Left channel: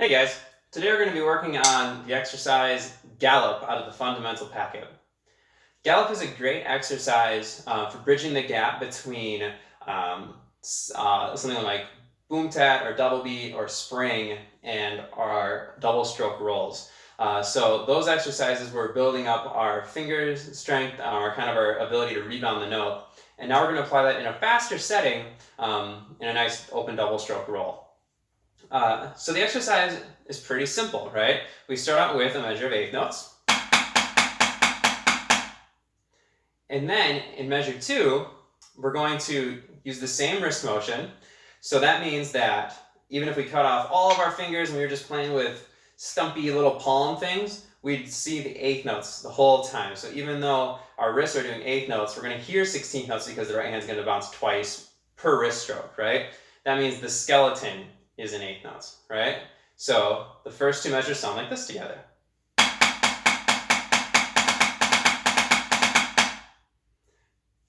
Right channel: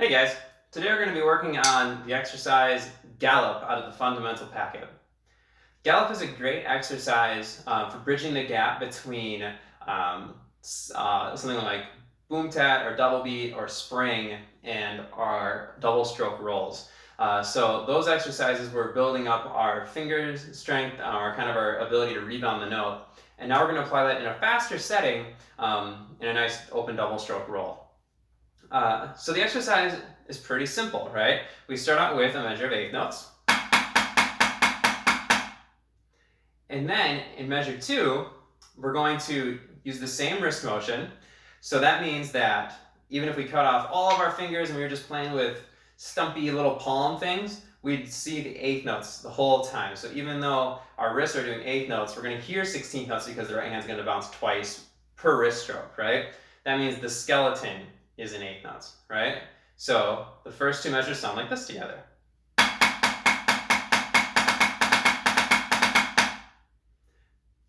Hey guys, today we're going to be working on the exercise Gallop out of the fundamental packet. Gallop is a great exercise for bridging the gap between something like boom tat or double beat or spring and our double stroke rolls. So those exercises we're building up our fingers strength, our ability to rebound the note. And now we're going to apply that in a faster setting in a nice open double stroke roll. So the exercise is pretty simple, right? We start out with a measure of eighth notes. And then in measure 2, we're going to use the same wrist motion. So that means that even if we cut off all of our fingers and we were just playing with stumpy little palm things, we'd see the eighth notes the whole time. So even though our wrists are doing eighth notes, we're going to hear 16th notes because the right hand's going to bounce twice per wrist stroke, right? That means the skeleton is in eighth notes, right? So the first two measures sound like this together.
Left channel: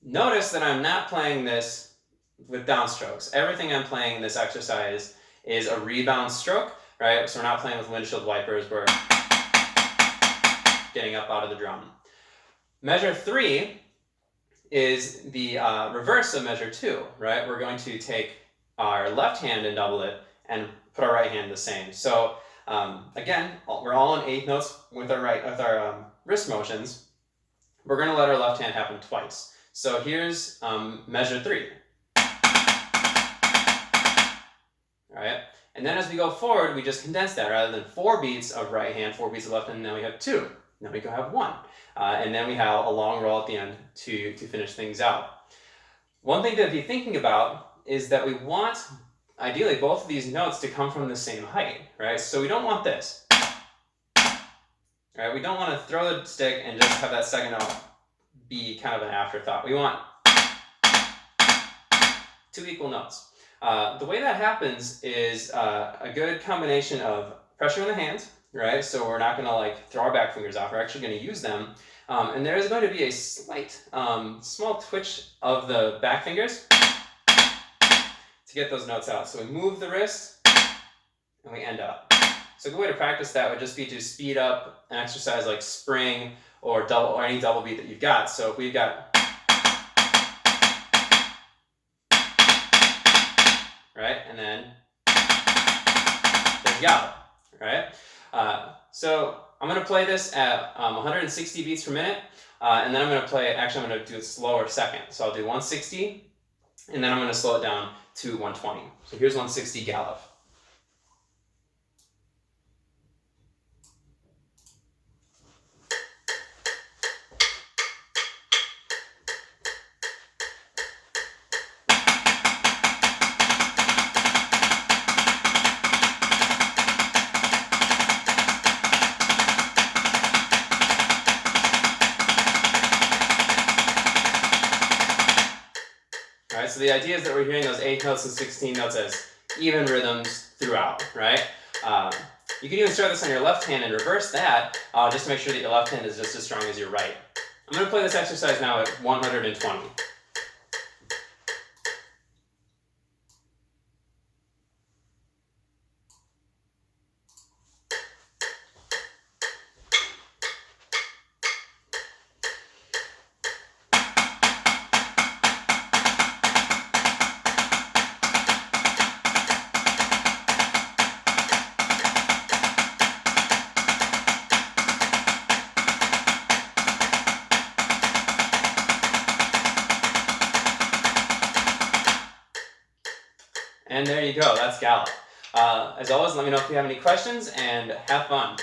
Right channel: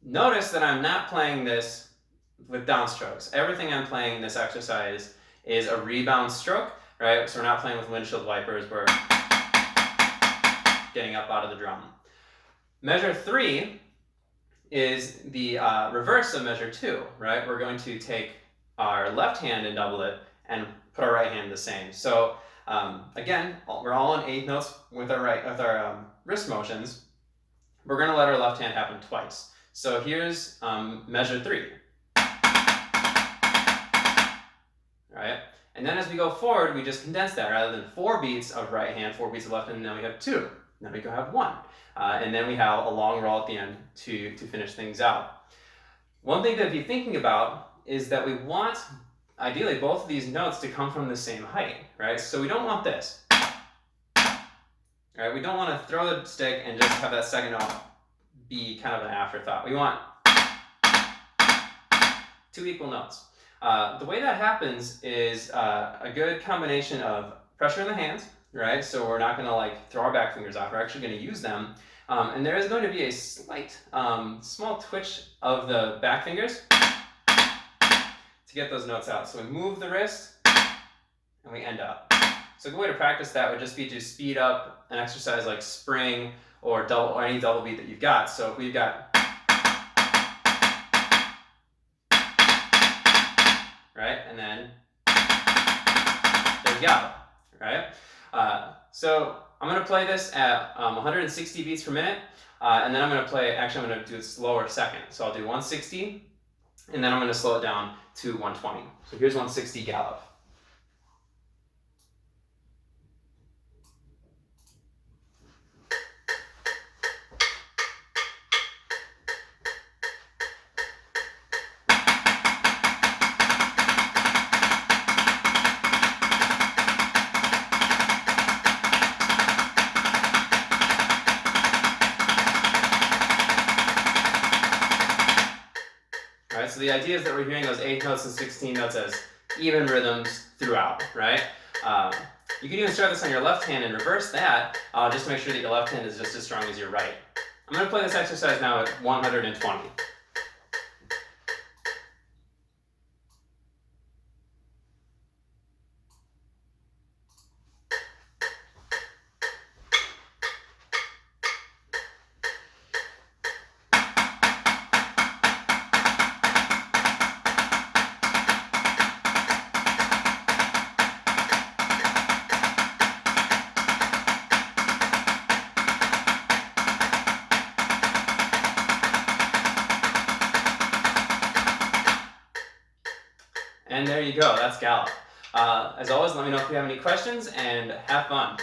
Notice that I'm not playing this with downstrokes. Everything I'm playing in this exercise is a rebound stroke, right? So we're not playing with windshield wipers. We're getting up out of the drum. Measure 3 is the reverse of measure 2, right? We're going to take our left hand and double it and put our right hand the same. So again, we're all on eighth notes with our wrist motions. We're going to let our left hand happen twice. So here's measure 3. All right, and then as we go forward, we just condense that. Rather than 4 beats of right hand, 4 beats of left hand, now we have 2. Now we go have 1. And then we have a long roll at the end to finish things out. One thing to be thinking about is that we want, ideally, both of these notes to come from the same height, right? So we don't want this. Right? We don't want to throw the stick and just have that second note be kind of an afterthought. We want 2 equal notes. The way that happens is a good combination of pressure in the hands, right? So we're not going to like throw our back fingers off. We're actually going to use them. And there is going to be a slight, small twitch of the back fingers to get those notes out. So we move the wrist and we end up. So a good way to practice that would just be to speed up an exercise like spring or double or any double beat that you've got. So if we've got, right, and then there's Gallop, right? So I'm going to play this at 160 beats per minute, and then I'm going to do it slower second. So I'll do 160, and then I'm going to slow it down to 120. So here's 160 Gallop. Right, so the idea is that we're hearing those 8 notes and 16 notes as even rhythms throughout, right? You can even start this on your left hand and reverse that, just to make sure that your left hand is just as strong as your right. I'm going to play this exercise now at 120. And there you go, that's Gallop. As always, let me know if you have any questions and have fun.